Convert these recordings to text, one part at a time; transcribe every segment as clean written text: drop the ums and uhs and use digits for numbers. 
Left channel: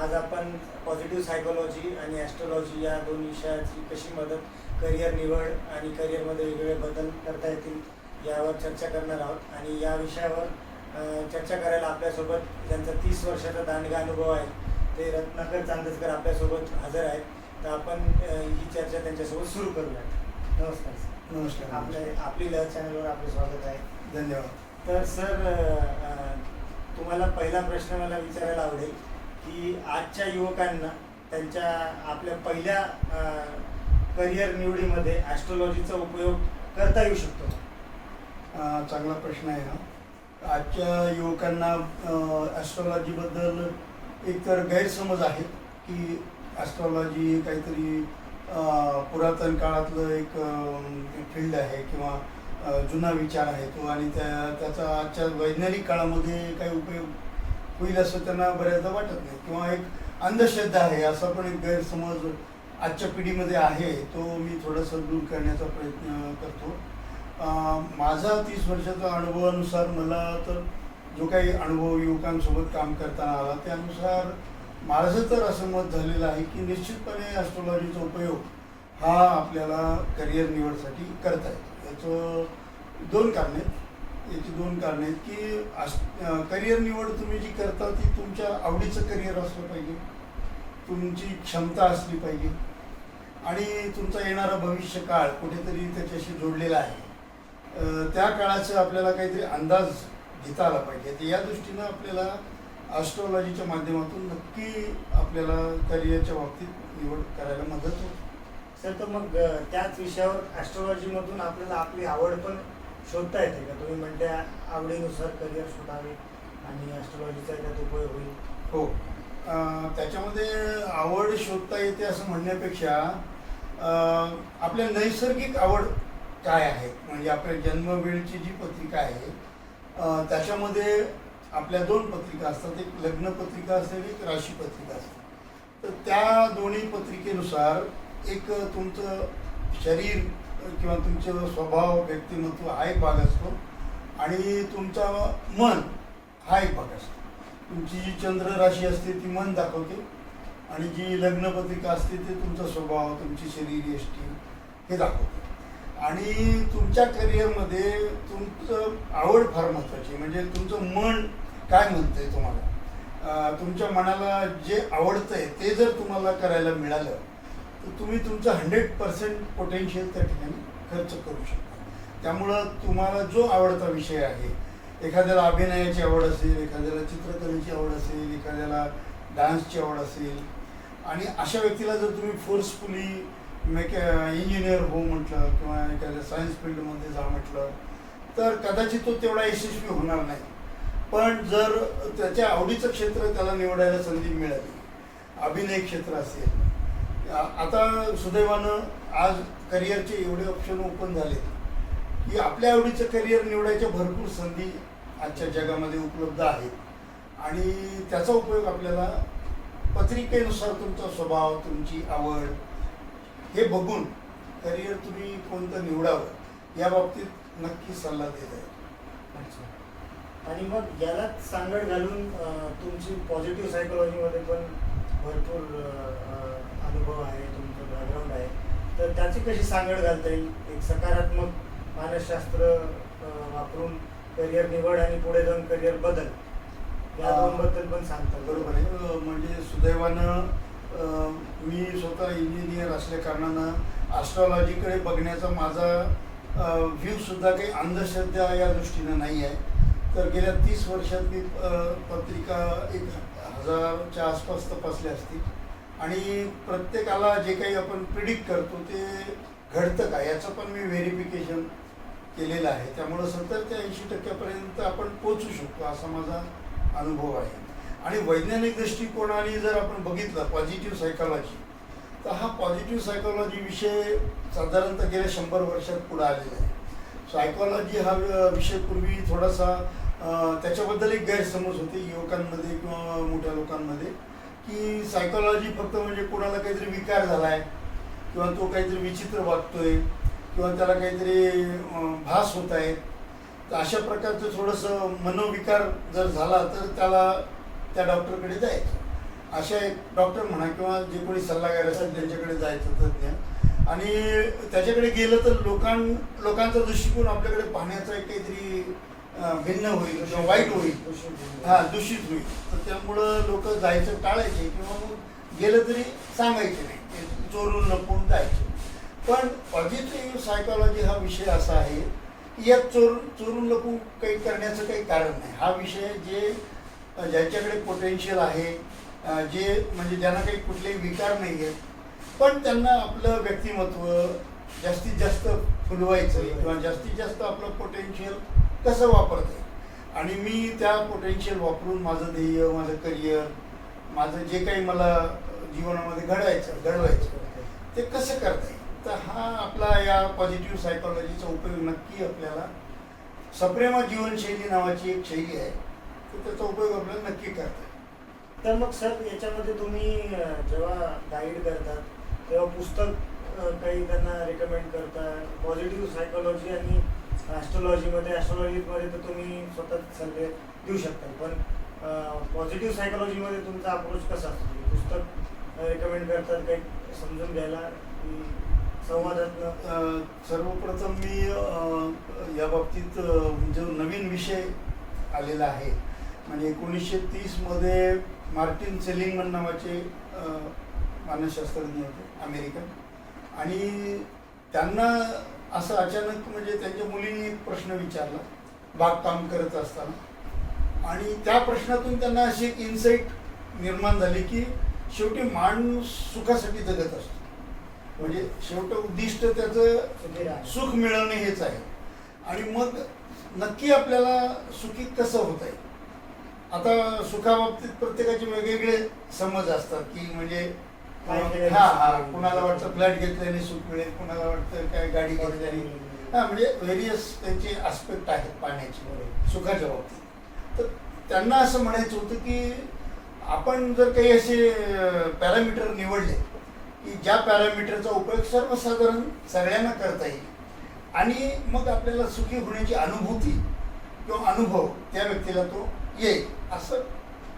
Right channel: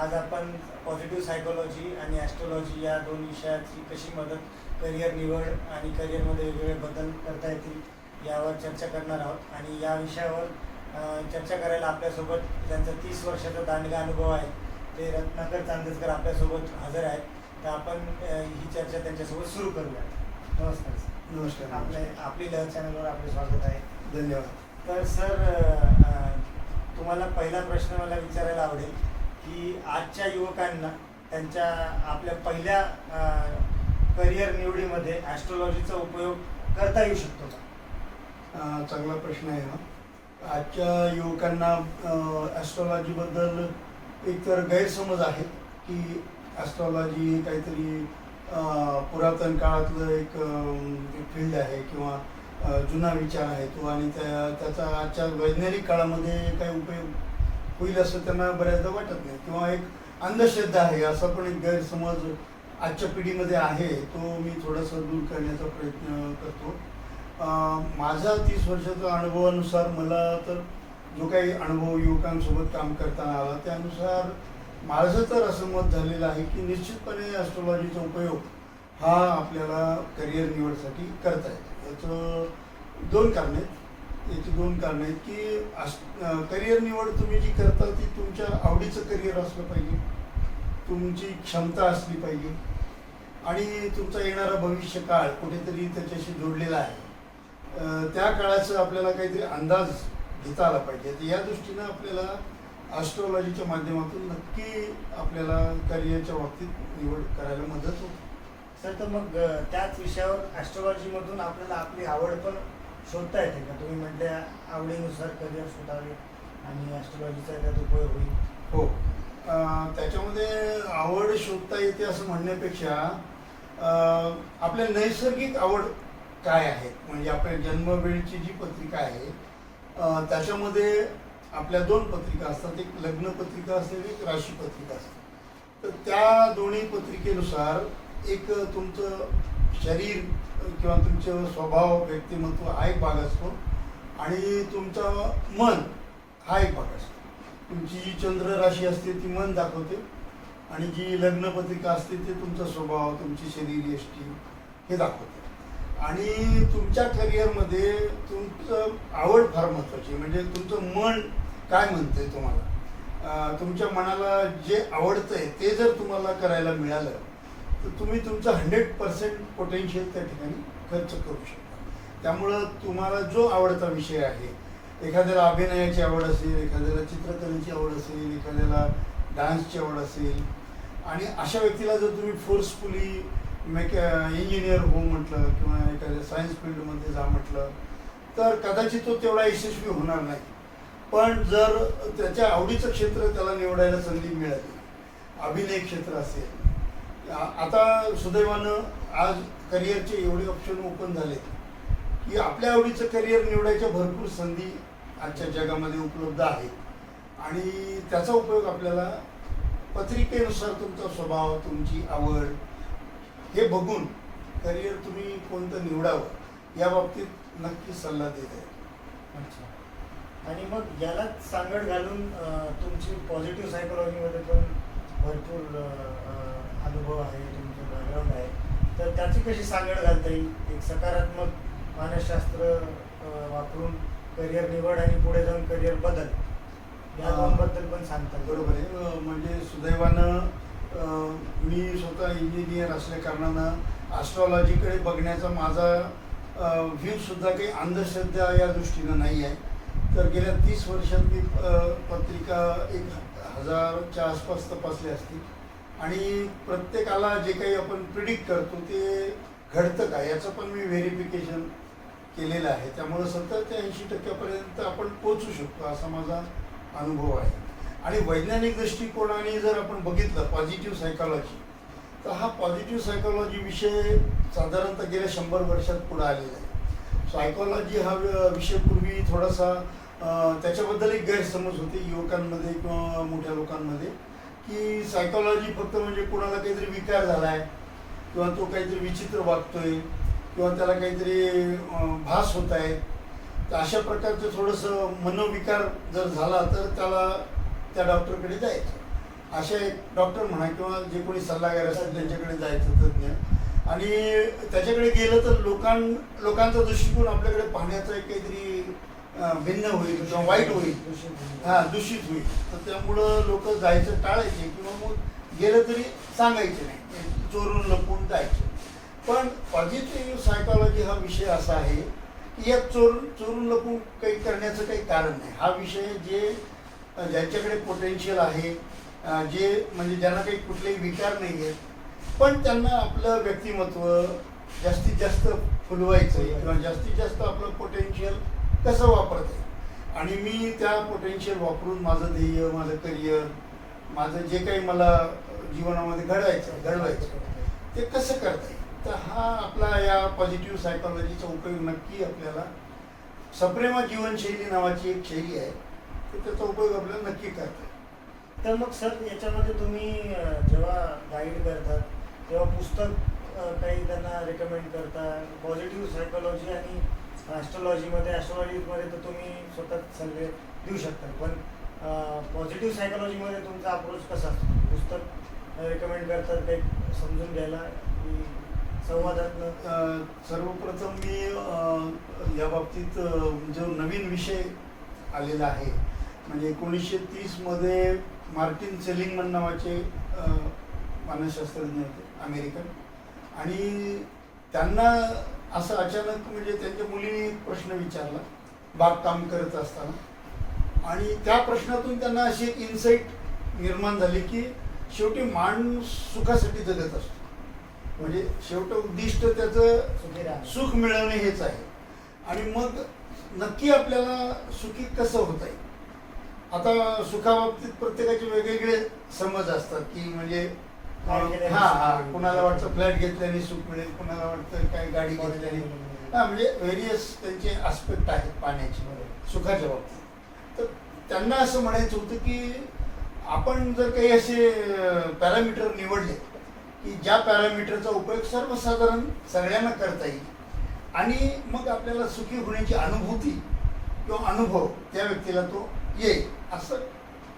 आज आपण positive psychology आणि ॲस्ट्रॉलॉजी या दोन विषयाची कशी मदत करिअर निवड आणि करिअरमध्ये वेगवेगळे बदल करता येतील यावर चर्चा करणार आहोत. आणि या विषयावर चर्चा करायला आपल्यासोबत ज्यांचा 30 वर्षाचा दांडगा अनुभव आहे ते रत्नाकर चांदेसकर आपल्यासोबत हजर आहेत. तर आपण ही चर्चा त्यांच्यासोबत सुरू करूया. नमस्कार सर. नमस्कार. आपली लहर चॅनलवर आपले स्वागत आहे. धन्यवाद. तर सर, तुम्हाला पहिला प्रश्न मला विचारायला आवडेल की आजच्या युवकांना त्यांच्या आपल्या पहिल्या करिअर निवडीमध्ये ॲस्ट्रॉलॉजीचा उपयोग करता येऊ शकतो का? चांगला प्रश्न आहे हा. आजच्या युवकांना ॲस्ट्रॉलॉजीबद्दल एकतर गैरसमज आहे की ॲस्ट्रॉलॉजी काहीतरी पुरातन काळातलं एक फील्ड आहे किंवा जुना विचार आहे तो, आणि त्याचा आजच्या वैज्ञानिक काळामध्ये काही उपयोग होईल असं त्यांना बऱ्याचदा वाटत नाही, किंवा एक अंधश्रद्धा आहे असा पण एक गैरसमज आजच्या पिढीमध्ये आहे. तो मी थोडासा दूर करण्याचा प्रयत्न करतो. माझा 30 वर्षाचा अनुभवानुसार मला तर जो काही अनुभव युवकांसोबत काम करताना आला त्यानुसार माझं तर असं मत झालेलं आहे की निश्चितपणे ॲस्ट्रॉलॉजीचा उपयोग हा आपल्याला करिअर निवडसाठी करता येतो. याची दोन कारणे आहेत की करिअर निवड तुम्ही जी करता ती तुमच्या आवडीचं करिअर असलं पाहिजे, तुमची क्षमता असली पाहिजे, आणि तुमचा येणारा भविष्यकाळ कुठेतरी त्याच्याशी जोडलेला आहे. त्या काळाचं आपल्याला काहीतरी अंदाज घेता आला पाहिजे. तर या दृष्टीनं आपल्याला ॲस्ट्रॉलॉजीच्या माध्यमातून नक्की आपल्याला करिअरच्या बाबतीत निवड करायला मदत होते. सर, तर मग त्याच विषयावर ॲस्ट्रॉलॉजीमधून आपल्याला आपली आवड पण शोधता येते का? तुम्ही म्हटले आवडीनुसार करिअर शोधावे आणि ॲस्ट्रॉलॉजीचा त्यात उपयोग होईल. हो, त्याच्यामध्ये आवड शोधता येते असं म्हणण्यापेक्षा आपल्या नैसर्गिक आवड काय आहे, म्हणजे आपल्या जन्मवेळची जी पत्रिका आहे त्याच्यामध्ये आपल्या 2 पत्रिका असतात. एक लग्न पत्रिका असते, एक राशी पत्रिका असते. तर त्या दोन्ही पत्रिकेनुसार एक तुमचं शरीर किंवा तुमचं स्वभाव, व्यक्तिमत्व हा एक भाग असतो, आणि तुमचा मन हा एक भाग असतो. तुमची जी चंद्र राशी असते ती मन दाखवते, आणि जी लग्न पत्रिका असते ते तुमचा स्वभाव, तुमची शरीर यष्टी हे दाखवते. आणि तुमच्या करिअरमध्ये तुमचं आवड फार महत्त्वाची, म्हणजे तुमचं मन काय म्हणतंय तुम्हाला. तुमच्या मनाला जे आवडतंय ते जर तुम्हाला करायला मिळालं तर तुम्ही तुमचं 100% पोटेन्शियल त्या ठिकाणी खर्च करू शकता. त्यामुळं तुम्हाला जो आवडता विषय आहे, एखाद्याला अभिनयाची आवड असेल, एखाद्याला चित्रकलेची आवड असेल, एखाद्याला डान्सची आवड असेल, आणि अशा व्यक्तीला जर तुम्ही फोर्सफुली इंजिनियर हो म्हटलं किंवा एखाद्या सायन्स फील्डमध्ये जा म्हटलं तर कदाचित तो तेवढा यशस्वी होणार नाही. पण जर त्याच्या आवडीचं क्षेत्र त्याला निवडायला संधी मिळाली, अभिनय क्षेत्र असेल, आता सुदैवानं आज करिअरचे एवढे ऑप्शन ओपन झाले की आपल्या आवडीचं करिअर निवडायच्या भरपूर संधी आजच्या जगामध्ये उपलब्ध आहेत. आणि त्याचा उपयोग आपल्याला पत्रिकेनुसार तुमचा स्वभाव, तुमची आवड हे बघून करिअर तुम्ही कोणतं निवडावं या बाबतीत नक्की सल्ला देत आहे. अच्छा. आणि मग यालाच सांगड घालून तुमची पॉझिटिव्ह सायकोलॉजीमध्ये पण भरपूर अनुभव आहे, तुमचं बॅकग्राऊंड आहे, तर त्याची कशी सांगड घालता येईल? एक सकारात्मक मानसशास्त्र वापरून करिअर निवड आणि पुढे जाऊन करिअर बदल या दोनबद्दल पण सांगतात. बरोबर आहे. म्हणजे सुदैवानं मी स्वतः इंजिनियर असल्या कारणानं ॲस्ट्रॉलॉजीकडे बघण्याचा माझा व्ह्यूसुद्धा काही अंधश्रद्धा या दृष्टीनं नाही आहे. तर गेल्या 30 वर्षात मी पत्रिका 1000च्या आसपास तपासल्या असतील, आणि प्रत्येकाला जे काही आपण प्रिडिक्ट करतो ते घडतं का याचं पण मी व्हेरिफिकेशन केलेलं आहे. त्यामुळं 70 ते 80% आपण पोचू शकतो असा माझा अनुभव आहे. आणि वैज्ञानिक दृष्टिकोनाने जर आपण बघितलं पॉझिटिव्ह सायकॉलॉजी, तर हा पॉझिटिव्ह सायकॉलॉजी विषय साधारणतः गेल्या 100 वर्षात पुढे आलेला आहे. सायकॉलॉजी हा विषय पूर्वी थोडासा त्याच्याबद्दल एक गैरसमज होते युवकांमध्ये किंवा मोठ्या लोकांमध्ये की सायकॉलॉजी फक्त म्हणजे कोणाला काहीतरी विकार झाला आहे किंवा तो काहीतरी विचित्र वागतोय किंवा त्याला काहीतरी भास होत आहे, तर अशा प्रकारचं थोडंसं मनोविकार जर झाला तर त्याला त्या डॉक्टरकडे जायचं. अशा एक डॉक्टर म्हणा किंवा जे कोणी सल्लागार असेल त्यांच्याकडे जायचं तज्ञ, आणि त्याच्याकडे गेलं तर लोकांचा दृष्टिकोन आपल्याकडे पाहण्याचा एक काहीतरी भिन्न होईल किंवा वाईट होईल, दूषित होईल. तर त्यामुळं लोक जायचं टाळायचे किंवा मग गेलं तरी सांगायचे नाही, चोरून लपून जायचे. पण पॉझिटिव्ह सायकॉलॉजी हा विषय असा आहे की यात चोरून लपून काही करण्याचं काही कारण नाही. हा विषय ज्यांच्याकडे पोटेन्शियल आहे, जे म्हणजे ज्यांना काही कुठलेही विकार नाही आहेत, पण त्यांना आपलं व्यक्तिमत्व जास्तीत जास्त फुलवायचं किंवा जास्तीत जास्त आपलं पोटेन्शियल कसं वापरता येईल, आणि मी त्या पोटेन्शियल वापरून माझं ध्येय, माझं करिअर, माझं जे काही मला जीवनामध्ये घडवायचं ते कसं करता येईल. तर हा आपला या पॉझिटिव्ह सायकॉलॉजीचा उपयोग नक्की आपल्याला, सप्रेमा जीवनशैली नावाची एक शैली आहे, तर त्याचा उपयोग आपल्याला नक्की करता येईल. तर मग सर याच्यामध्ये तुम्ही जेव्हा गाईड करतात तेव्हा पुस्तक काही त्यांना रेकमेंड करता? पॉझिटिव्ह सायकॉलॉजी आणि ॲस्ट्रॉलॉजीमध्ये तर तुम्ही स्वतः सल्ले देऊ शकता, पण पॉझिटिव्ह सायकॉलॉजीमध्ये तुमचा अप्रोच कसा असतो? पुस्तक रेकमेंड करतात काही समजून घ्यायला की संवादातनं? सर्वप्रथम मी या बाबतीत जो नवीन विषय आलेला आहे, म्हणजे 1930मध्ये मार्टिन सेलिंगमन नावाचे मानसशास्त्रज्ञ होते अमेरिकन, आणि त्यांना असं अचानक म्हणजे त्यांच्या मुलीने एक प्रश्न विचारला बागकाम करत असताना, आणि त्या प्रश्नातून त्यांना अशी एक इन्साईट निर्माण झाली की शेवटी माणूस सुखासाठी जगत असतो, म्हणजे शेवटी उद्दिष्ट त्याचं सुख मिळवणे हेच आहे. आणि मग नक्की आपल्याला सुखी कसं होता येईल. आता सुखाबाबतीत प्रत्येकाचे वेगवेगळे समज असतात की म्हणजे कुणाला वाटतं फ्लॅट घेतल्याने सुख मिळेल, कुणाला वाटतं काय गाडी घेतल्याने, म्हणजे व्हेरियस त्यांचे आस्पेक्ट आहेत पाण्याचे सुखाच्या बाबतीत. तर त्यांना असं म्हणायचं होतं की आपण जर काही असे पॅरामीटर निवडले की ज्या पॅरामीटरचा उपयोग सर्वसाधारण सगळ्यांना करता येईल, आणि मग आपल्याला सुखी होण्याची अनुभूती किंवा अनुभव त्या व्यक्तीला तो येईल, असं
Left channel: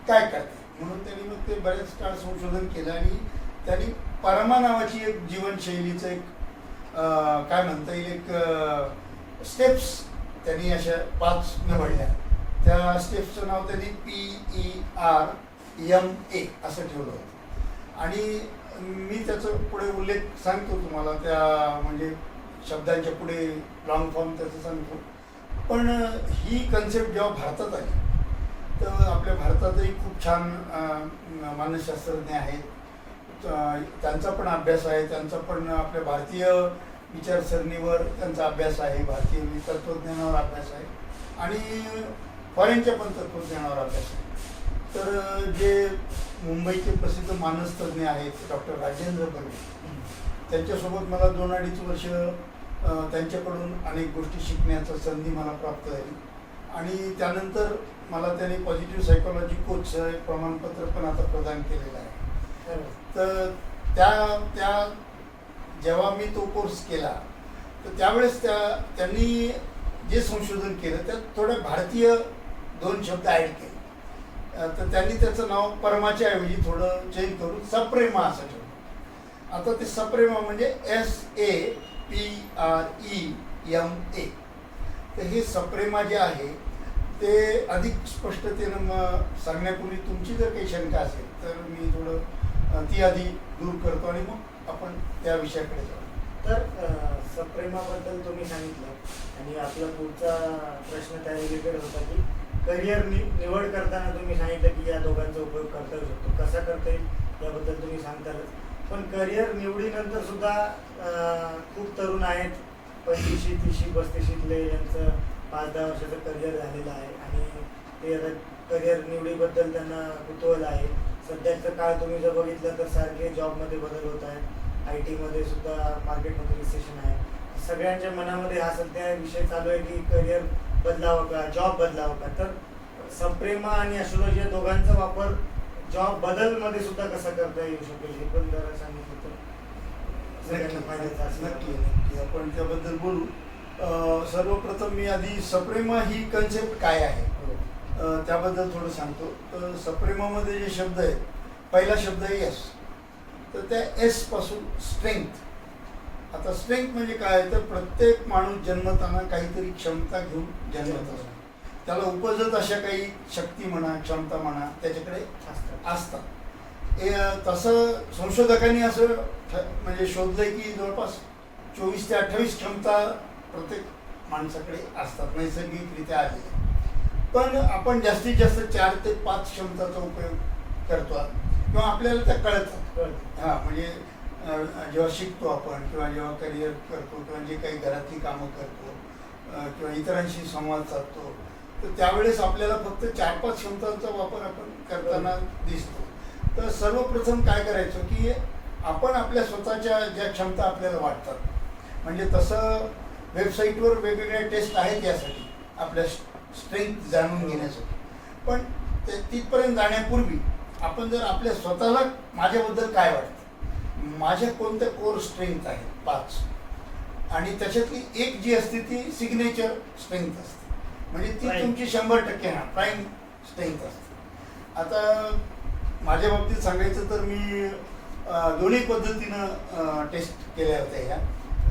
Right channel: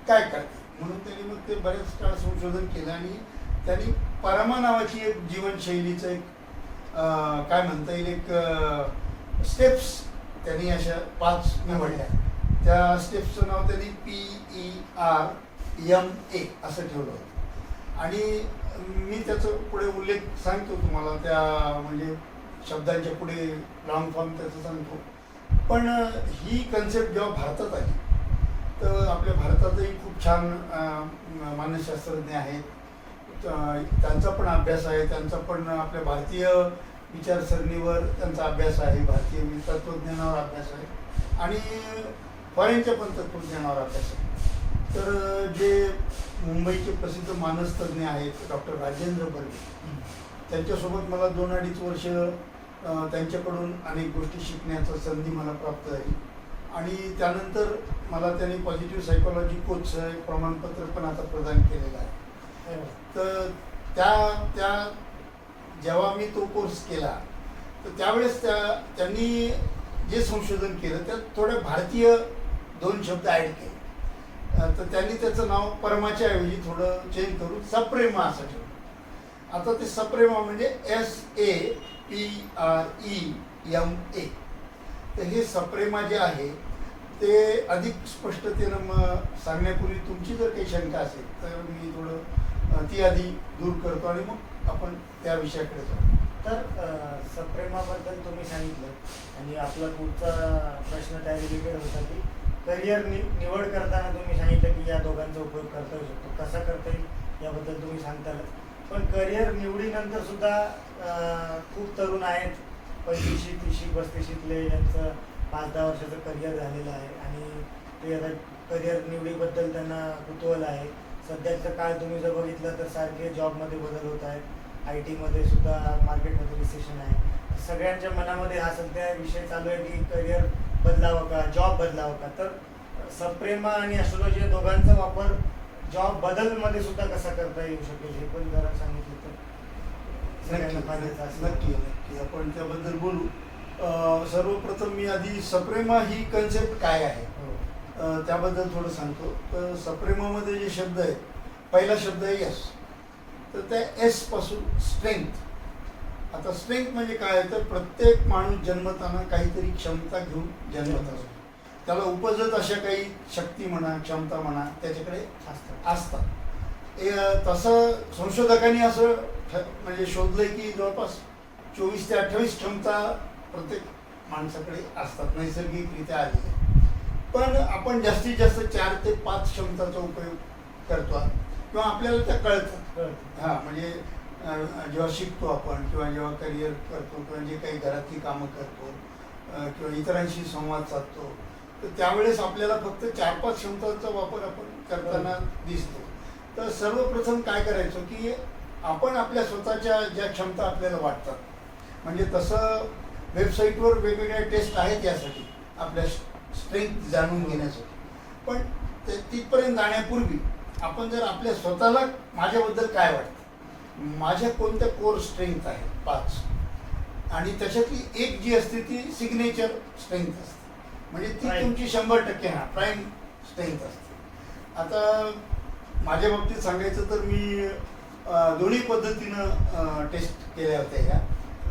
काय करते. म्हणून त्यांनी मग ते बरेच काळ संशोधन केलं, आणि त्यांनी परमा नावाची एक जीवनशैलीचं एक काय म्हणता येईल एक स्टेप्स त्यांनी अशा 5 निवडल्या. त्या स्टेप्सचं नाव त्यांनी PERMA असं ठेवलं होतं, आणि मी त्याचं पुढे उल्लेख सांगतो तुम्हाला, त्या म्हणजे शब्दांच्या पुढे लॉंग फॉर्म त्याचं सांगतो. पण ही कन्सेप्ट जेव्हा भारतात आली तर आपल्या भारतातही खूप छान मानसशास्त्रज्ञ आहेत, त्यांचा पण अभ्यास आहे, त्यांचा पण आपल्या भारतीय विचारसरणीवर त्यांचा अभ्यास आहे, भारतीय तत्त्वज्ञानावर अभ्यास आहे, आणि फॉरेनच्या पण तत्त्वज्ञानावर अभ्यास आहे. तर जे मुंबईचे प्रसिद्ध मानसतज्ञ आहेत डॉक्टर राजेंद्र बर्वे, त्यांच्यासोबत मला 2-2.5 वर्ष त्यांच्याकडून अनेक गोष्टी शिकण्याचा संधी मला प्राप्त झाली, आणि त्यानंतर मला त्यांनी पॉझिटिव्ह सायकॉलॉजी कोचचं एक प्रमाणपत्र पण आता प्रदान केलेलं आहे. तर त्या जेव्हा मी तो कोर्स केला तर त्यावेळेस त्यांनी जे संशोधन केलं त्यात थोडे भारतीय 2 शब्द ॲड केले. तर त्यांनी त्याचं नाव परमाच्या ऐवजी थोडं चेंज करून सप्रेमा असं ठेवलं. आता ते सप्रेमा म्हणजे SAPREMA. तर हे सप्रेमा जे आहे ते अधिक स्पष्टतेनं सांगण्यापूर्वी तुमची जर काही शंका असेल तर मी थोडं ती आधी दूर करतो, आणि मग आपण त्या विषयाकडे जाऊ. तर सप्रेमाबद्दल तुम्ही सांगितलं, आणि आपला पुढचा प्रश्न त्या रिलेटेड होता की करिअर निवड करताना तुम्ही सांगितलं की या दोघांचा उपयोग करता येऊ शकतो, कसा करता येईल याबद्दल तुम्ही सांगतालच. पण करिअर निवडीनंतर सुद्धा खूप तरुण आहेत, 25, 30, 35 यांचं 5-10 वर्षाचं करिअर झालेलं आहे, आणि ते आता करिअर निवडीबद्दल त्यांना कुतूहल आहे. सध्याचं काळ तुम्ही जर बघितलं तर सारखे जॉबमध्ये बदल होत आहेत, IT मध्ये सुद्धा मार्केटमध्ये रिसेशन आहे. सगळ्यांच्या मनामध्ये हा सध्या विषय चालू आहे की करिअर बदलावं का, जॉब बदलावं का. तर सप्रेमा आणि ॲस्ट्रॉलॉजी या दोघांचा वापर जॉब बदलमध्ये सुद्धा कसा करता येऊ शकेल हे पण जरा सांगितलं तर सगळ्यांना फायद्याचं असेल. नक्की आपण त्याबद्दल बोलू. सर्वप्रथम मी आधी सप्रेमा ही कन्सेप्ट काय आहे त्याबद्दल थोडं सांगतो. तर सप्रेमामध्ये जे शब्द आहेत पहिला शब्द आहे यस. तर त्या एस पासून स्ट्रेंथ. आता स्ट्रेंथ म्हणजे काय, तर प्रत्येक माणूस जन्मताना काहीतरी क्षमता घेऊन जन्मत असतो. त्याला उपजत अशा काही शक्ती म्हणा, क्षमता म्हणा, त्याच्याकडे असतात. तसं संशोधकांनी असं म्हणजे शोधलंय की जवळपास 24 ते 28 क्षमता प्रत्येक माणसाकडे असतात, नैसर्गिकरित्या आलेल्या. पण आपण जास्तीत जास्त 4 ते 5 क्षमताचा उपयोग करतो किंवा आपल्याला त्या कळतात. हां, म्हणजे जेव्हा शिकतो आपण किंवा जेव्हा करिअर करतो किंवा जे काही घरातली कामं करतो किंवा इतरांशी संवाद साधतो, तर त्यावेळेस आपल्याला फक्त 4-5 क्षमतांचा वापर आपण करताना दिसतो. तर सर्वप्रथम काय करायचं की आपण आपल्या स्वतःच्या ज्या क्षमता आपल्याला वाटतात, म्हणजे तसं वेबसाईटवर वेगवेगळ्या टेस्ट आहेत यासाठी, आपल्या स्ट्रेंथ जाणून घेण्यासाठी. पण ते तिथपर्यंत जाण्यापूर्वी आपण जर आपल्या स्वतःला माझ्याबद्दल काय वाटतं, माझ्या कोणत्या कोर स्ट्रेंथ आहेत 5, आणि त्याच्यातली एक जी असते ती सिग्नेचर स्ट्रेंथ असते, म्हणजे ती तुमची 100% प्राईम स्ट्रेंथ असते. आता माझ्या बाबतीत सांगायचं तर मी दोन्ही पद्धतीनं टेस्ट केल्या होत्या ह्या,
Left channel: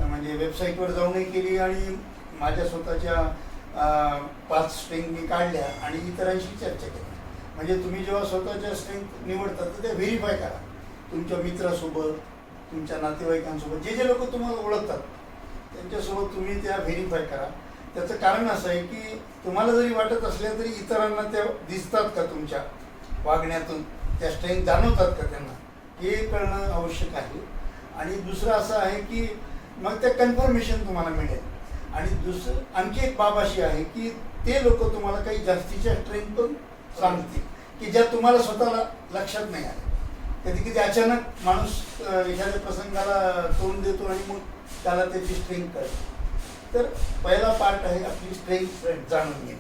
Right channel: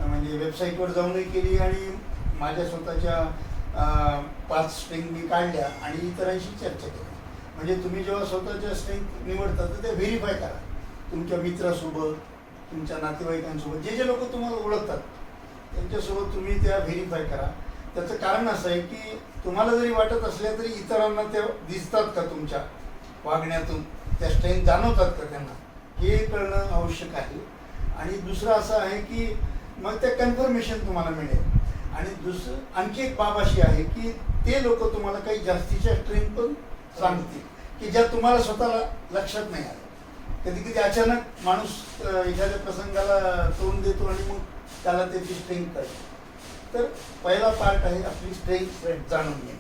म्हणजे वेबसाईटवर जाऊनही केली आणि माझ्या स्वतःच्या 5 स्ट्रेंथ मी काढल्या आणि इतरांशी चर्चा केली. म्हणजे तुम्ही जेव्हा स्वतःच्या स्ट्रेंथ निवडता तर ते व्हेरीफाय करा तुमच्या मित्रासोबत, तुमच्या नातेवाईकांसोबत, जे लोक तुम्हाला ओळखतात त्यांच्यासोबत तुम्ही त्या व्हेरीफाय करा. त्याचं कारण असं आहे की तुम्हाला जरी वाटत असल्या तरी इतरांना त्या दिसतात का, तुमच्या वागण्यातून त्या स्ट्रेंथ जाणवतात का त्यांना, हे कळणं आवश्यक आहे. आणि दुसरं असं आहे की मग त्या कन्फर्मेशन तुम्हाला मिळेल. आणि दुसरं आणखी एक बाब अशी आहे की ते लोक तुम्हाला काही जास्तीच्या स्ट्रेंथ पण सांगतील की ज्या तुम्हाला स्वतःला लक्षात नाही आल्या. कधी कधी अचानक माणूस एखाद्या प्रसंगाला तोंड देतो आणि मग त्याला त्याची स्ट्रेंथ कळते. तर पहिला पार्ट आहे आपली स्ट्रेंथ जाणून घेणं.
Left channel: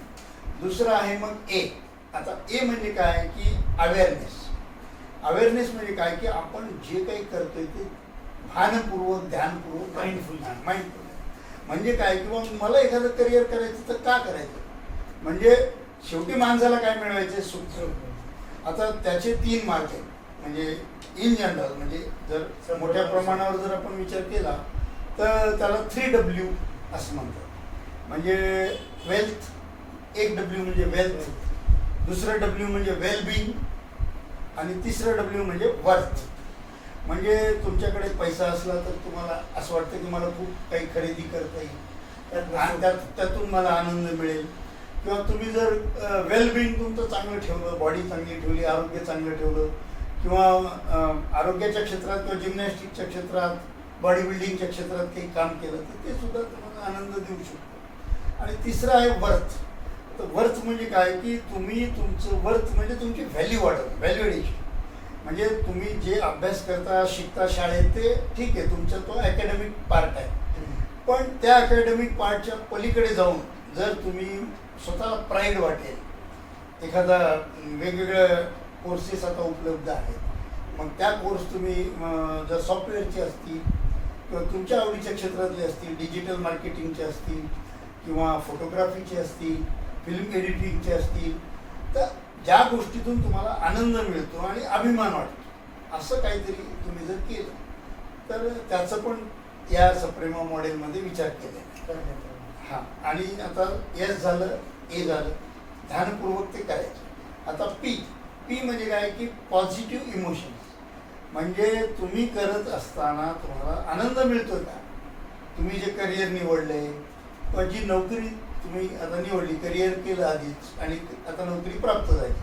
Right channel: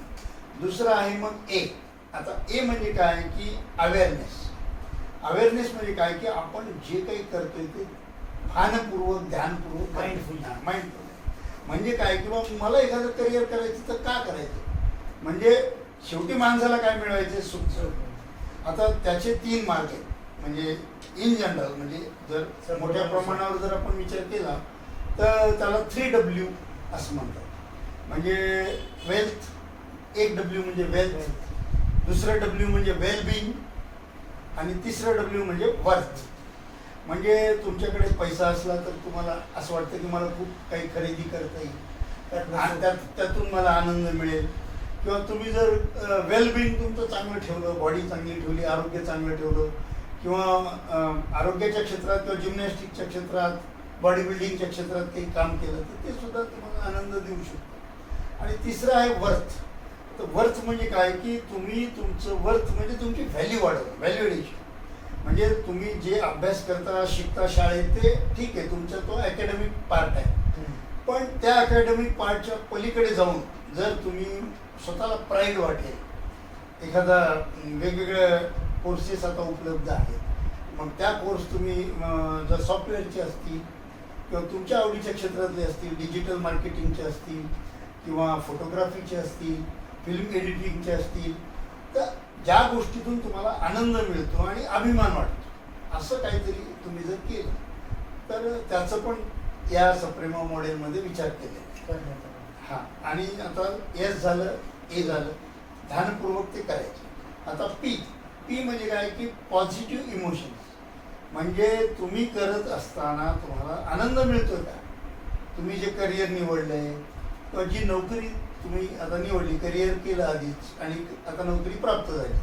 दुसरं आहे मग ए. आता ए म्हणजे काय की अवेअरनेस. अवेअरनेस म्हणजे काय की आपण जे काही करतोय ते भानपूर्वक, ध्यानपूर्वक, माइंडफुल. म्हणजे काय, किंवा मला एखादं करिअर करायचं तर का करायचं, म्हणजे शेवटी माणसाला काय मिळवायचे, सुख. आता त्याचे 3 मार्ग आहेत. म्हणजे इन जनरल, म्हणजे जर मोठ्या प्रमाणावर जर आपण विचार केला तर त्याला 3W असं म्हणतात. म्हणजे वेल्थ, एक W म्हणजे वेल्थ, दुसरं W म्हणजे वेलबिंग, आणि तिसरं W म्हणजे वर्थ. म्हणजे तुमच्याकडे पैसा असला तर तुम्हाला असं वाटतं की मला खूप काही खरेदी करता येईल आणि त्यातून मला आनंद मिळेल. किंवा तुम्ही जर वेलबिंग तुमचं चांगलं ठेवलं, बॉडी चांगली ठेवली, आरोग्य चांगलं ठेवलं, किंवा आरोग्याच्या क्षेत्रात किंवा जिम्नॅस्टिकच्या क्षेत्रात, बॉडी बिल्डिंगच्या क्षेत्रात काही काम केलं तर ते सुद्धा तुम्हाला आनंद देऊ शकतो. आणि तिसरं आहे वर्थ. तर वर्थ म्हणजे काय की तुम्ही तुमचं वर्थ म्हणजे तुमची व्हॅल्यू वाढवणं, व्हॅल्युएशन. म्हणजे तुम्ही जे अभ्यास करता, शिकता शाळेत ते ठीक आहे, तुमचा तो अकॅडमिक पार्ट आहे. पण त्या अकॅडमिक पार्टच्या पलीकडे जाऊन जर तुम्ही स्वतःला प्राईड वाटेल, एखादा वेगवेगळ्या कोर्सेस आता उपलब्ध आहेत, मग त्या कोर्स तुम्ही जर सॉफ्टवेअरचे असतील किंवा तुमच्या आवडीच्या क्षेत्रातले असतील, डिजिटल मार्केटिंगचे असतील किंवा फोटोग्राफीचे असतील, फिल्म एडिटिंगचे असतील, तर ज्या गोष्टीतून तुम्हाला आनंद मिळतो आणि अभिमान वाटतो असं काहीतरी तुम्ही जर केलं तर त्याचं पण या सप्रेमा मॉडेलमध्ये विचार केला. हां, आणि आता एस झालं, ए झालं, ध्यानपूर्वक ते करायचं. आता पी म्हणजे काय की पॉझिटिव्ह इमोशन्स. म्हणजे तुम्ही करत असताना तुम्हाला आनंद मिळतो का, तुम्ही जे करिअर निवडलंय किंवा जी नोकरी तुम्ही आता निवडली, करिअर केलं आधीच आणि आता नोकरी प्राप्त झाली,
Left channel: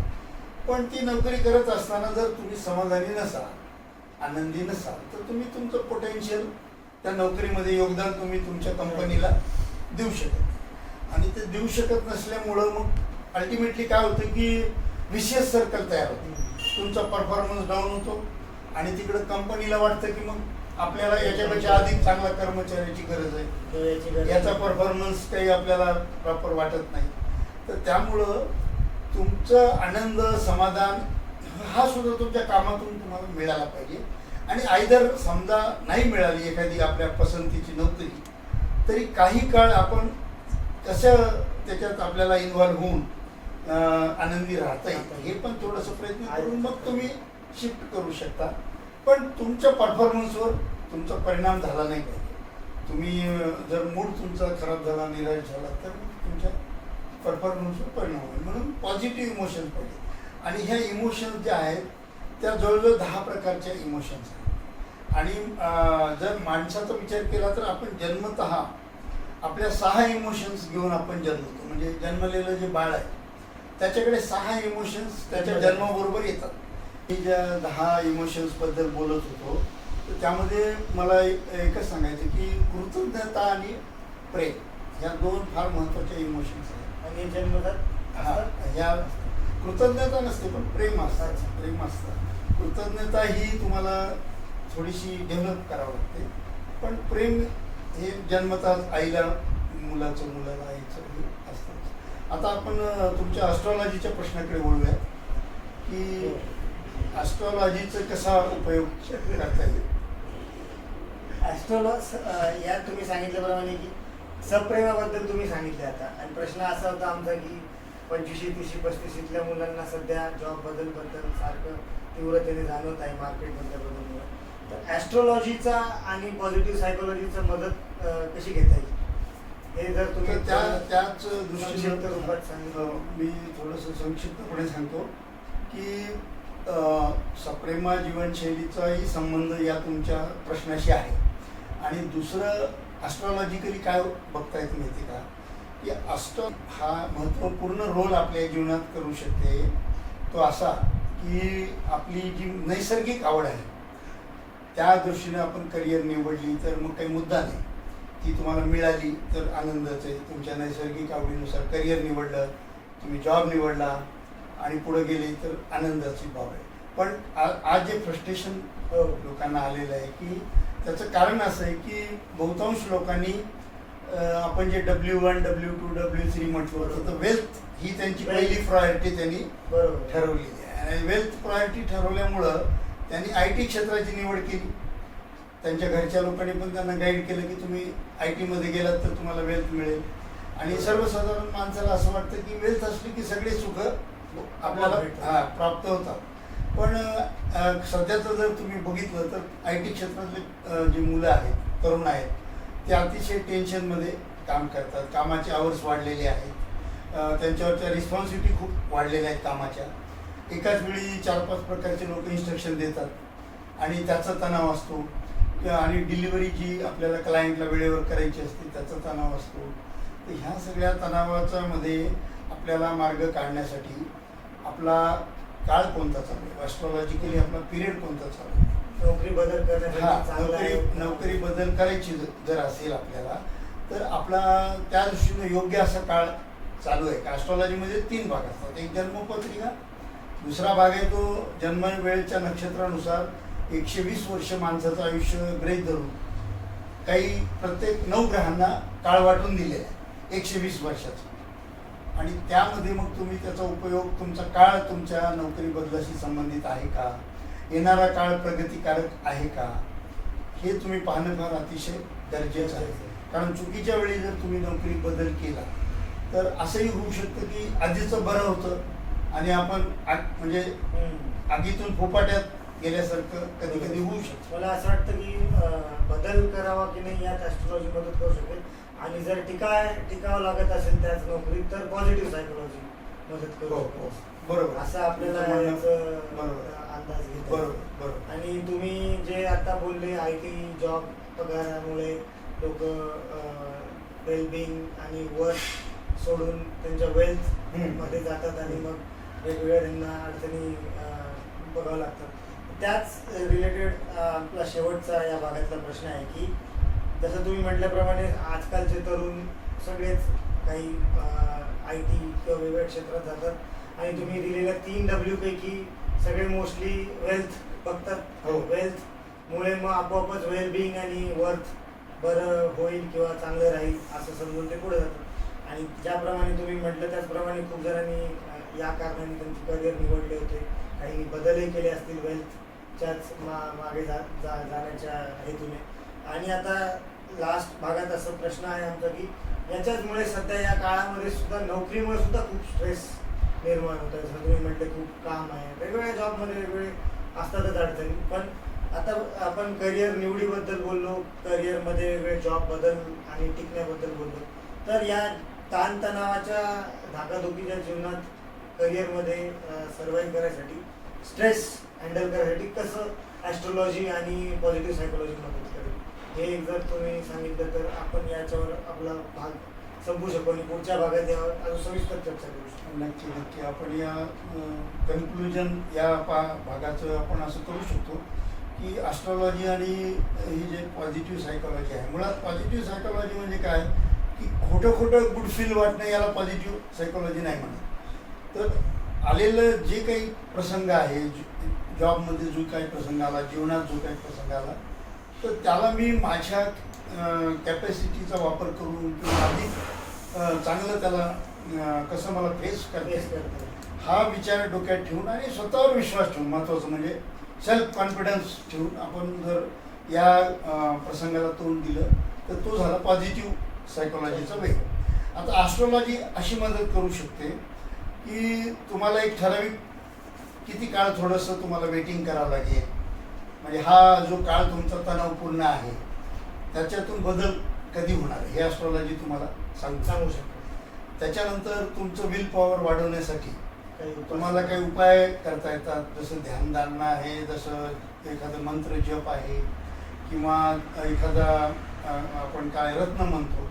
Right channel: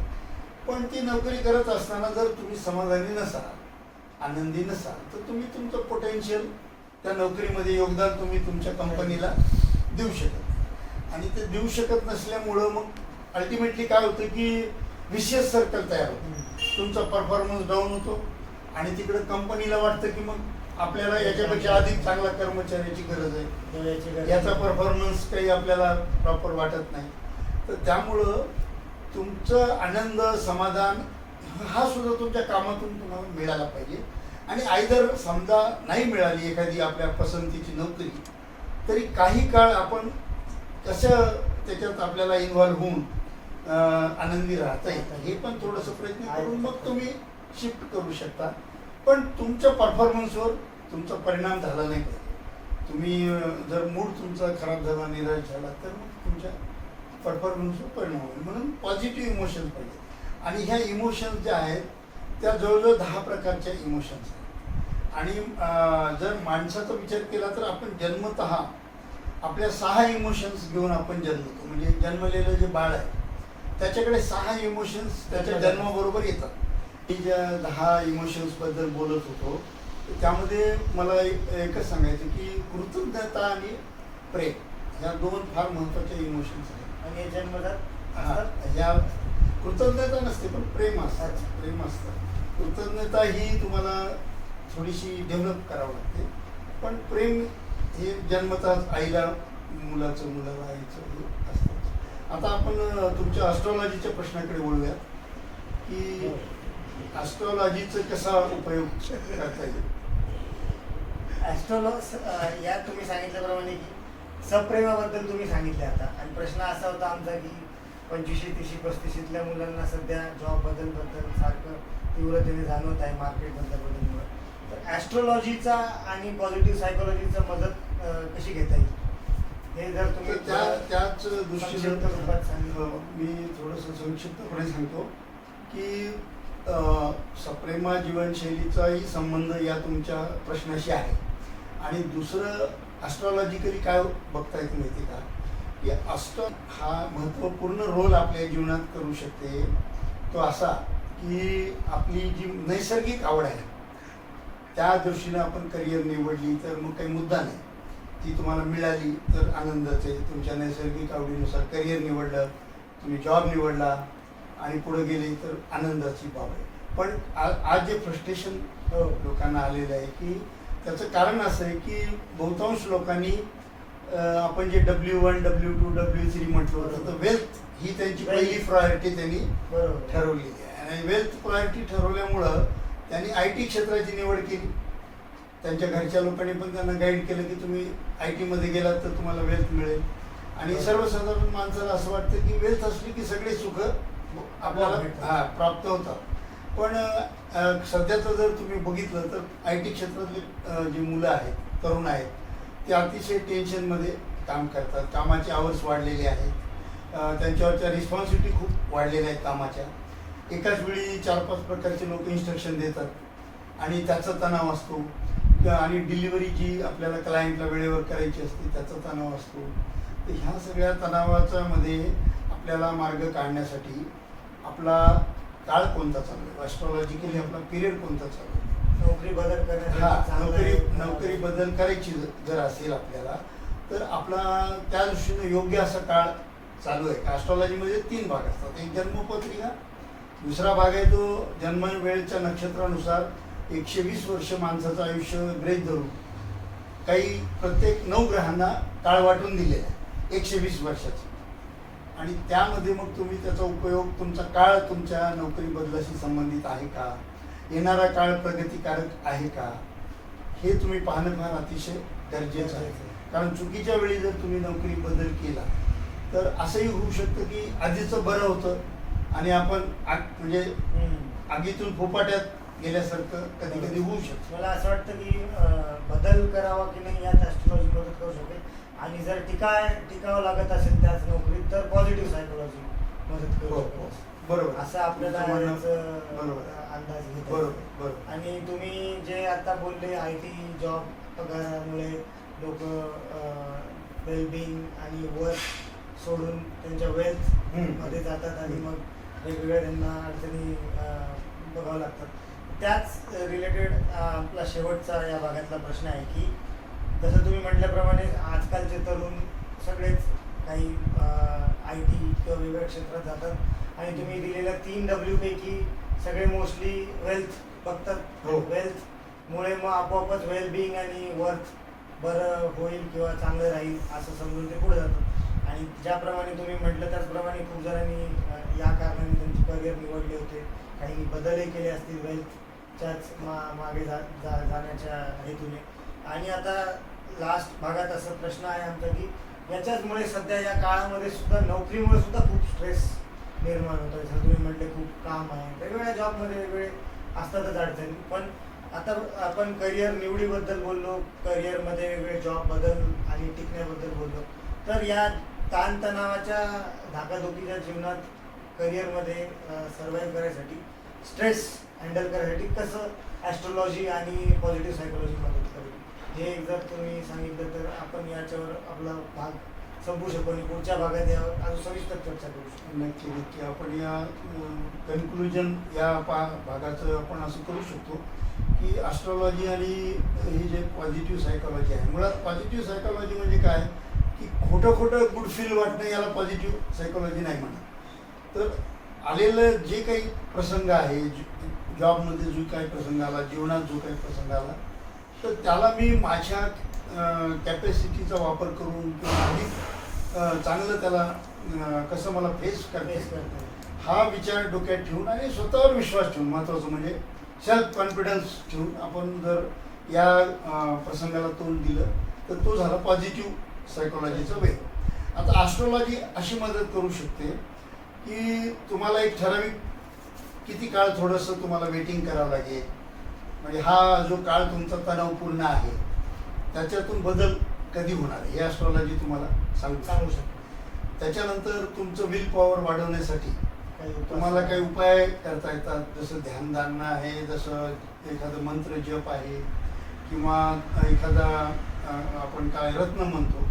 पण ती नोकरी करत असताना जर तुम्ही समाधानी नसाल, आनंदी नसाल, तर तुम्ही तुमचं पोटेन्शियल त्या नोकरीमध्ये योगदान तुम्ही तुमच्या कंपनीला देऊ शकत नाही. आणि ते देऊ शकत नसल्यामुळं मग अल्टिमेटली काय होतं की विशियस सर्कल तयार होतो, तुमचा परफॉर्मन्स डाऊन होतो आणि तिकडं कंपनीला वाटतं की मग आपल्याला याच्यापेक्षा अधिक चांगला कर्मचाऱ्याची गरज आहे, याचा परफॉर्मन्स काही आपल्याला प्रॉपर वाटत नाही. तर त्यामुळं तुमचं आनंद, समाधान हा सुद्धा तुमच्या कामातून तुम्हाला मिळाला पाहिजे. आणि आयदर समजा नाही मिळाली एखादी आपल्या पसंतीची नोकरी, तरी काही काळ आपण कसं त्याच्यात आपल्याला इन्व्हॉल्व्ह होऊन आनंदी राहता येईल हे पण थोडंसं प्रयत्न करून मग तुम्ही शिफ्ट करू शकता, पण तुमच्या परफॉर्मन्सवर तुमचा परिणाम झाला नाही पाहिजे. तुम्ही जर मूड तुमचा खराब झाला, निराश झाला, तर तुमच्या परफॉर्मन्सवर परिणाम होईल. म्हणून पॉझिटिव्ह इमोशन्स पाहिजे. आणि ह्या इमोशन्स ज्या आहेत त्या जवळजवळ 10 प्रकारच्या इमोशन्स आहेत. आणि जर माणसाचा विचार केला तर आपण जन्मतः आपल्या 6 इमोशन्स घेऊन आपण जन्मतो. म्हणजे जन्मलेलं जे बाळ आहे त्याच्याकडे 6 इमोशन्स त्याच्या जन्माबरोबर येतात. मी ज्या 10 इमोशन्सबद्दल बोलत होतो तर त्यामध्ये मला एकच सांगायचं की कृतज्ञता आणि प्रेम ह्या 2 फार महत्त्वाच्या इमोशन्स आहेत. आणि हे जन्मतात ह्या कृतज्ञता नसते पण प्रेम असतात. प्रेम असतं. कृतज्ञता ही तुम्हाला थोडीशी डेव्हलप करावं लागते, पण प्रेम हे जन्मतःच आईला मुलाचं, मुलाला आईचं हे असतं. आता आपण तुमच्या ॲस्ट्रॉलॉजीच्या प्रश्नाकडे वळूया की ॲस्ट्रॉलॉजीचा कसा उपयोग करता येईल. या तुम्ही सांगितल्याप्रमाणे की सप्रेमाबद्दल तुम्ही सांगितले आता, आणि प्रश्न असा होता आमचा की 25, 30, 35 मुलांना सध्या जॉबबद्दल सारखं तीव्रतेने जाणवत आहे मार्केटमधल्या बदलमुळे. तर ॲस्ट्रॉलॉजीचा आणि पॉझिटिव्ह सायकोलॉजीचा मदत कशी घेता येईल हे जर तुम्ही त्याच दृष्टीने रूपात सांगितलं. मी थोडंसं संक्षिप्तपणे सांगतो की सप्रेमा जीवनशैलीचाही संबंध या तुमच्या प्रश्नाशी आहे. आणि दुसरं ॲस्ट्रॉलॉजिकली काय बघता येतं माहिती का, की अष्ट हा महत्त्वपूर्ण रोल आपल्या जीवनात करू शकते. तो असा की आपली जी नैसर्गिक आवड आहे त्या दृष्टीने आपण करिअर निवडली तर मग काही मुद्दा नाही. ती तुम्हाला मिळाली तर आनंदच आहे. तुमच्या नैसर्गिक आवडीनुसार करिअर निवडलं, तुम्ही जॉब निवडला आणि पुढे गेले तर आनंदाची बाब आहे. पण आज जे फ्रस्ट्रेशन लोकांना आलेलं आहे की त्याचं कारण असं आहे की बहुतांश लोकांनी आपण जे W1, W2, W3 म्हटलं होतं तर वेल्थ ही त्यांची पहिली प्रायोरिटी त्यांनी ठरवलेली आहे. आणि वेल्थ प्रायोरिटी ठरवल्यामुळं त्यांनी IT क्षेत्राची निवड केली. त्यांच्या घरच्या लोकांनी पण त्यांना गाईड केलं की तुम्ही IT मध्ये गेलात तर तुम्हाला वेल्थ मिळेल. आणि सर्वसाधारण माणसाला असं वाटतं की वेल्थ असली की सगळे सुख आपल्याला प्राप्त होतात. पण सध्याचं जर तुम्ही बघितलं तर IT क्षेत्रातले जे मुलं आहेत, तरुण आहेत, ते अतिशय टेन्शनमध्ये काम करतात. कामाचे आवर्स वाढलेले आहेत, त्यांच्यावरच्या रिस्पॉन्सिबिलिटी खूप वाढलेल्या आहेत कामाच्या. एकाच वेळी 4-5 प्रकारचे लोक इन्स्ट्रक्शन देतात आणि त्याचा तणाव असतो. आणि डिलिव्हरी जी आपल्याला क्लायंटला वेळेवर करायची असते त्याचा तणाव असतो. तर ह्या सगळ्या तणावाच्या मध्ये आपल्याला मार्ग काढण्यासाठी आपला काळ कोणता चालू आहे, ॲस्ट्रॉलॉजिकली आपला पिरियड कोणता चालू आहे, नोकरी बदल करण्यासाठी नोकरी बदल करायची जर असेल आपल्याला तर आपला त्या दृष्टीने योग्य असा काळ चालू आहे. ॲस्ट्रॉलॉजीमध्ये 3 भाग असतात. एक जन्मपत्रिका, दुसरा भाग आहे तो जन्म वेळेच्या नक्षत्रानुसार 120 वर्ष माणसाचं आयुष्य गृहीत धरून काही प्रत्येक 9 ग्रहांना काळ वाटून दिलेला आहे 120 वर्षाचा. आणि त्यामध्ये मग तुम्ही त्याचा उपयोग, तुमचा काळ तुमच्या नोकरी बदलाशी संबंधित आहे का, येणारा काळ प्रगतिकारक आहे का, हे तुम्ही पाहणं फार अतिशय गरजेचं आहे. कारण चुकीच्या वेळी जर तुम्ही नोकरी बदल केला तर असंही होऊ शकतं की आधीचं बरं होतं आणि आपण म्हणजे आगीतून फोपाट्यात गेल्यासारखं कधी कधी होऊ शकतं. मला असं वाटतं की बदल करावा की नाही यात ॲस्ट्रॉलॉजी मदत करू शकते. आणि जर टिकावं लागत असेल त्याच नोकरीत तर पॉझिटिव्ह सायकोलॉजी मदत करू शकते. बरोबर, असं आपल्याला अंदाज घेतो. बरोबर. आणि तुम्ही जे आता बोलले IT जॉब पगारामुळे लोक वेलबिंग आणि वर्क सोडून त्यांच्या वेल्थ मध्ये जातात आणि मग वेगवेगळ्या त्यांना अडचणी बघावं लागतात. त्याच रिलेटेड आपला शेवटचा या भागातला प्रश्न आहे की जसं तुम्ही म्हटल्याप्रमाणे आजकालचे तरुण सगळेच काही IT किंवा वेगवेगळ्या क्षेत्रात जातात आणि तुम्ही दिलेल्या 3 W पैकी सगळे मोस्टली वेल्थ बघतात. वेल्थमुळे मग आपोआपच वेलबिंग आणि वर्क बरं होईल किंवा चांगलं राहील असं समजून ते पुढे जातात. आणि ज्याप्रमाणे तुम्ही म्हटलं त्याचप्रमाणे खूप जणांनी या कारणाने त्यांचे करिअर निवडले होते, काही बदलही केले असतील वेल्थच्याच मागे जाण्याच्या हेतूने. आणि आता लास्ट भागात असा प्रश्न आहे आमचा की याच्याचमुळे सध्या या काळामध्ये सुद्धा नोकरीमुळे सुद्धा खूप स्ट्रेस निर्माण होत आहे. जसं तुम्ही म्हटले खूप काम आहे, वेगवेगळ्या जॉबमध्ये वेगवेगळे असतातच अडचणी. पण आता आपण करिअर निवडीबद्दल बोललो, करिअरमध्ये वेगवेगळे जॉब बदल आणि टिकण्याबद्दल बोललो. तर या ताणतणावाच्या धाकाधुकीच्या जीवनात करिअरमध्ये सर्वाईव्ह करायसाठी, स्ट्रेस हँडल करायसाठी कसं ॲस्ट्रोलॉजी आणि पॉझिटिव्ह सायकोलॉजी मदत करेल, हे जर तुम्ही सांगितलं तर आपण याच्यावर आपला भाग संपू शकतो आणि पुढच्या भागात यावर अजून सविस्तर चर्चा करू शकतो. नक्की नक्की आपण या कन्क्लुजन या भागाचं आपण असं करू शकतो की ॲस्ट्रॉलॉजी आणि ही जे पॉझिटिव्ह सायकोलॉजी आहे, मुळात पॉझिटिव्ह सायकोलॉजी म्हणजे काय की खोटं खोटं गुड फील वाटणं याला पॉझिटिव्ह सायकोलॉजी नाही म्हणत. तर आलेलं जे काही प्रसंग आहे, जॉबमध्ये जो काही प्रसंग आला, जीवनात जो काही प्रसंग आला, तर त्याला मी माझ्या कॅपॅसिटीचा वापर करून किंवा अधिक चांगलं त्याला कसं मला फेस करता हा विचार डोक्यात ठेवून आणि स्वतःवर विश्वास ठेवून, महत्त्वाचं म्हणजे सेल्फ कॉन्फिडन्स ठेवून आपण जर या प्रसंगाला तोंड दिलं तर तो झाला पॉझिटिव्ह सायकोलॉजीचा वे. आता ॲस्ट्रॉलॉजी अशी मदत करू शकते की तुम्हाला एक ठराविक किती काळ थोडंसं तुम्हाला वेटिंग करावं लागेल, म्हणजे हा जो काळ तुमचा तणावपूर्ण आहे त्याच्यातून बदल कधी होणार आहे हे ॲस्ट्रॉलॉजी तुम्हाला सांगू शकतो. त्याच्यानंतर तुमचं विल पॉवर वाढवण्यासाठी तुम्हाला काही उपाय करता येतात, जसं ध्यानधारणा आहे, जसं एखादं मंत्र जप आहे, किंवा एखादा आपण काय रत्न म्हणतो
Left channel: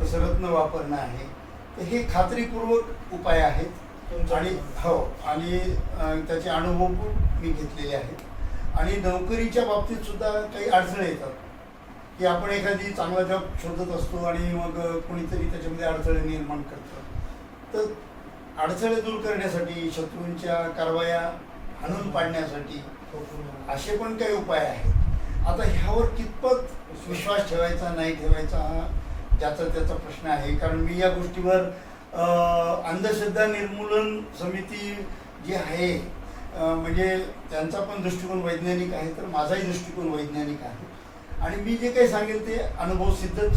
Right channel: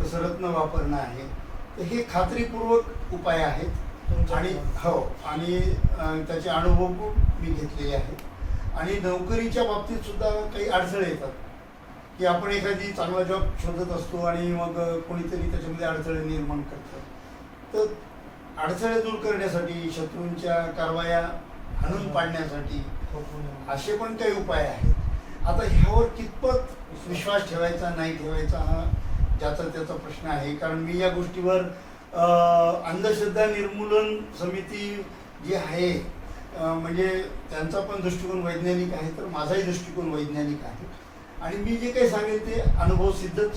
तसं रत्न वापरणं आहे. तर हे खात्रीपूर्वक उपाय आहेत आणि हो, आणि त्याचे अनुभव पण मी घेतलेले आहेत. आणि नोकरीच्या बाबतीत सुद्धा काही अडथळे येतात की आपण एखादी चांगला जॉब शोधत असतो आणि मग कोणीतरी त्याच्यामध्ये अडथळे निर्माण करतं. तर अडथळे दूर करण्यासाठी, शत्रूंच्या कारवाया हाणून पाडण्यासाठी असे पण काही उपाय आहेत. आता ह्यावर कितपत विश्वास ठेवायचा नाही ठेवायचा हा ज्याचा त्याचा प्रश्न आहे. कारण मी या गोष्टीवर अंधश्रद्धा निर्मूलन समिती जी आहे, म्हणजे त्यांचा पण दृष्टिकोन वैज्ञानिक आहे, तर माझाही दृष्टिकोन वैज्ञानिक आहे. आणि मी जे काही सांगेल ते अनुभवसिद्धच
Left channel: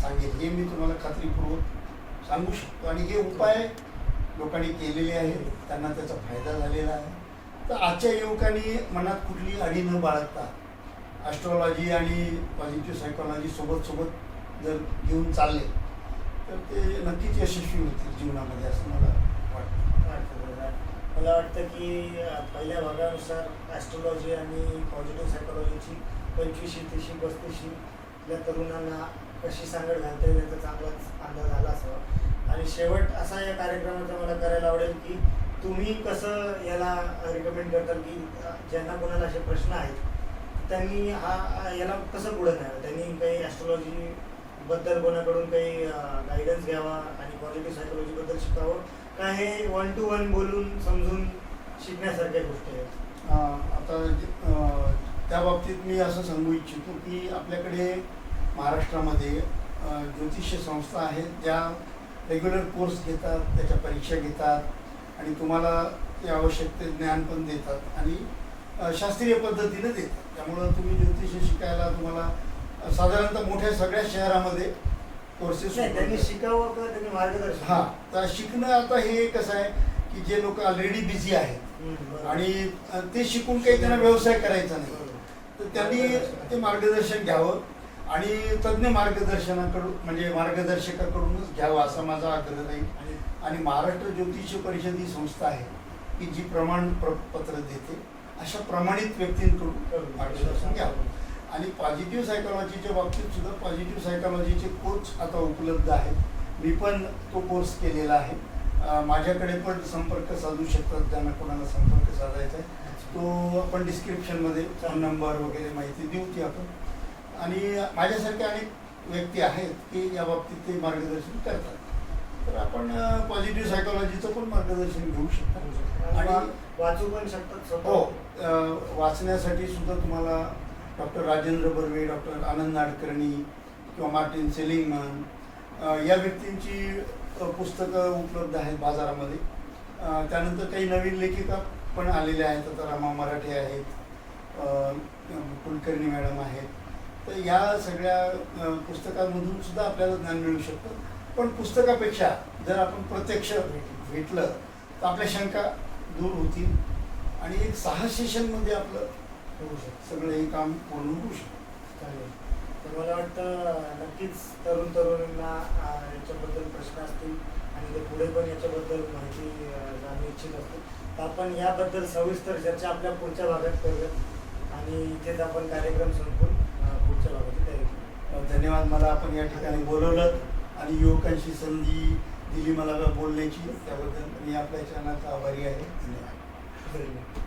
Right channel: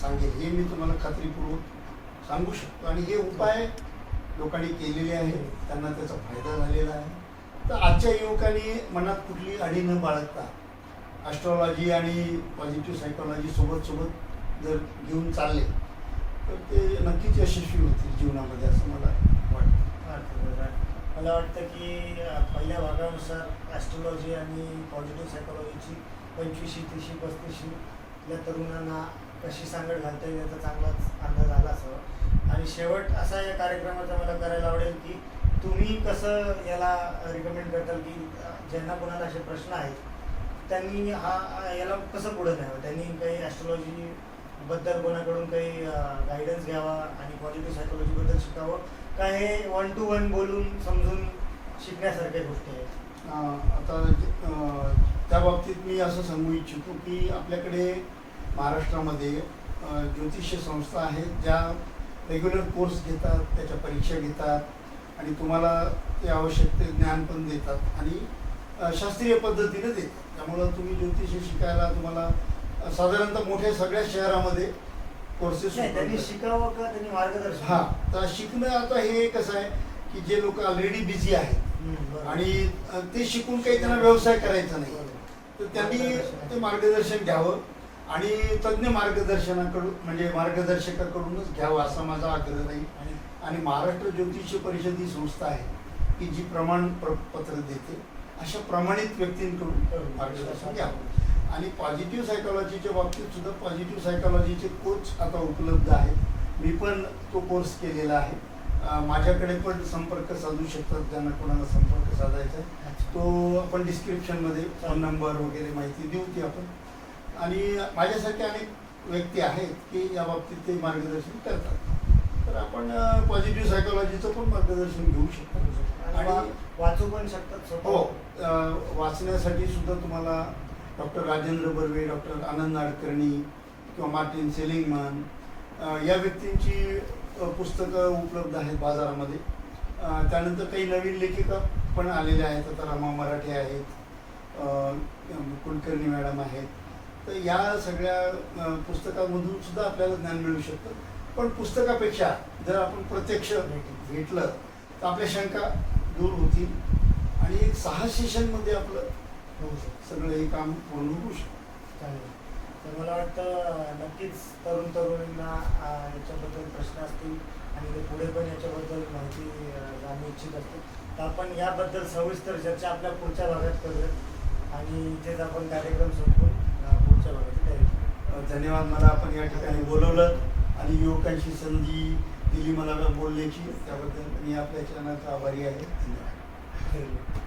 सांगेल, हे मी तुम्हाला खात्रीपूर्वक सांगू शकतो. आणि हे उपाय लोकांनी केलेले आहेत, त्यांना त्याचा फायदा झालेला आहे. तर आजच्या युवकांनी मनात कुठली अडी न बाळगता ॲस्ट्रॉलॉजी आणि पॉझिटिव्ह सायकोलॉजी सोबत जर घेऊन चालले तर ते नक्कीच यशस्वी होतील जीवनामध्ये, असं मला वाटतं. मला वाटतं की पहिल्या भागानुसार ॲस्ट्रॉलॉजी आणि पॉझिटिव्ह सायकोलॉजीची 25शी 30शी 35शी या तरुणांना कशी सांगड घालता येईल याचा चांगलाच अंदाज आला असावा. आणि शेवट असा या कार्यक्रमाचा मला करायला आवडेल की तुम्ही कसं याला रिकमेंड करताल की ज्यांना कोणाला असे प्रश्न आहेत त्यांनी याला कसं पुढे न्यावं, त्यांनी काही ॲस्ट्रॉलॉजीबद्दल कोणाकडून काही गायडन्स घ्यावा आणि पॉझिटिव्ह सायकोलॉजीबद्दल शिकावं, काय हे 1 to 1 बोलून समजून शिकण्यासारख्या गोष्टी आहेत? आता त्या बाबतीत मी असं सांगू इच्छितो की आपल्याकडे महाराष्ट्रामध्ये ज्योतिष संस्था आहेत ज्या रेग्युलर कोर्स घेतात, त्याच्या परीक्षा घेतात आणि तुम्हाला ते आवश्यक ते ज्ञान पण देतात आणि शास्त्रीय पद्धतीने देतात. त्यामुळं तुम्ही ज्योतिष शिकायला तुम्हाला साधारणतः मोठ्या सगळ्या शहरामध्ये कोर्सेस त्यांनी शिकावं का त्यांनी मार्गदर्शन? हां, तर शिकणं आता हे कसं आहे की जे लोक ऑलरेडी बिझी आहेत आणि ते शिकून काही त्यांना व्यवसाय करायचा नाही, तर त्यांनी ते मार्गदर्शन घ्यावं आणि तज्ज्ञ मार्गदर्शनाकडून म्हणजे मार्गदर्शकाकडूनच घ्यावं असा माझा आग्रह राहील. आणि महाराष्ट्र ज्योतिष परिषद ही संस्था आहे की जी प्रमाणपत्र देते, अशा प्रमाणित व्यक्तींकडून मार्गदर्शन घ्यावं. आणि पॉझिटिव्ह सायकोलॉजीच्या बाबतीत सुद्धा पॉझिटिव्ह सायकोलॉजीचे कोच आता उपलब्ध आहेत. मी पण तो कोर्स केलेला आहे. माझ्याकडे पण संपर्क साधू शकतात ज्यांना कोणाला संपर्क साधायचा आहे. तो आपण डिस्क्रिप्शनमध्ये फोन नंबर वगैरे माहिती देऊ ती आपण. आणि माझ्यासारखे अनेक व्यक्ती आहेत की या बाबतीत ते मार्गदर्शन करतात, तर आपण पॉझिटिव्ह सायकोलॉजीचं पण मार्गदर्शन घेऊ शकतो आणि वाचू पण शकतात. हो, वाचण्यासाठी सुद्धा तुम्हाला डॉक्टर राजेंद्र बर्वे, डॉक्टर आनंद नाडकर्णी किंवा मार्टिन सेलिंगमन या व्यक्तींची पुस्तकं उपलब्ध आहेत बाजारामध्ये. त्यानंतर काही नवीन लेखिका पण आलेल्या आहेत. आता रमा मराठे आहेत, कुलकर्णी मॅडम आहेत. तर या सगळ्या पुस्तकांमधून सुद्धा आपल्याला ज्ञान मिळू शकतं. पण पुस्तकापेक्षा जर आपण प्रत्यक्ष भेटलं तर आपल्या शंका दूर होतील आणि एक 6 सेशनमध्ये आपलं होऊ शकतं. सगळं हे काम पूर्ण होऊ शकतं. चालेल. तर मला वाटतं नक्कीच तरुणींना याच्याबद्दल प्रश्न असतील आणि ते पुढे पण याच्याबद्दल माहिती जाणू इच्छित असतील, तर आपण याबद्दल सविस्तर चर्चा आपल्या पुढच्या भागात करूयात आणि इथेच आपण कार्यक्रम संपवून पुढच्या भागाची तयारी करू. धन्यवाद. मला आपण या ठिकाणी बोलवलं आणि युवकांची संधी दिली मला बोलण्याची, त्याबद्दल मी आपल्या चॅनलचा आभारी आहे. धन्यवाद. धन्यवाद.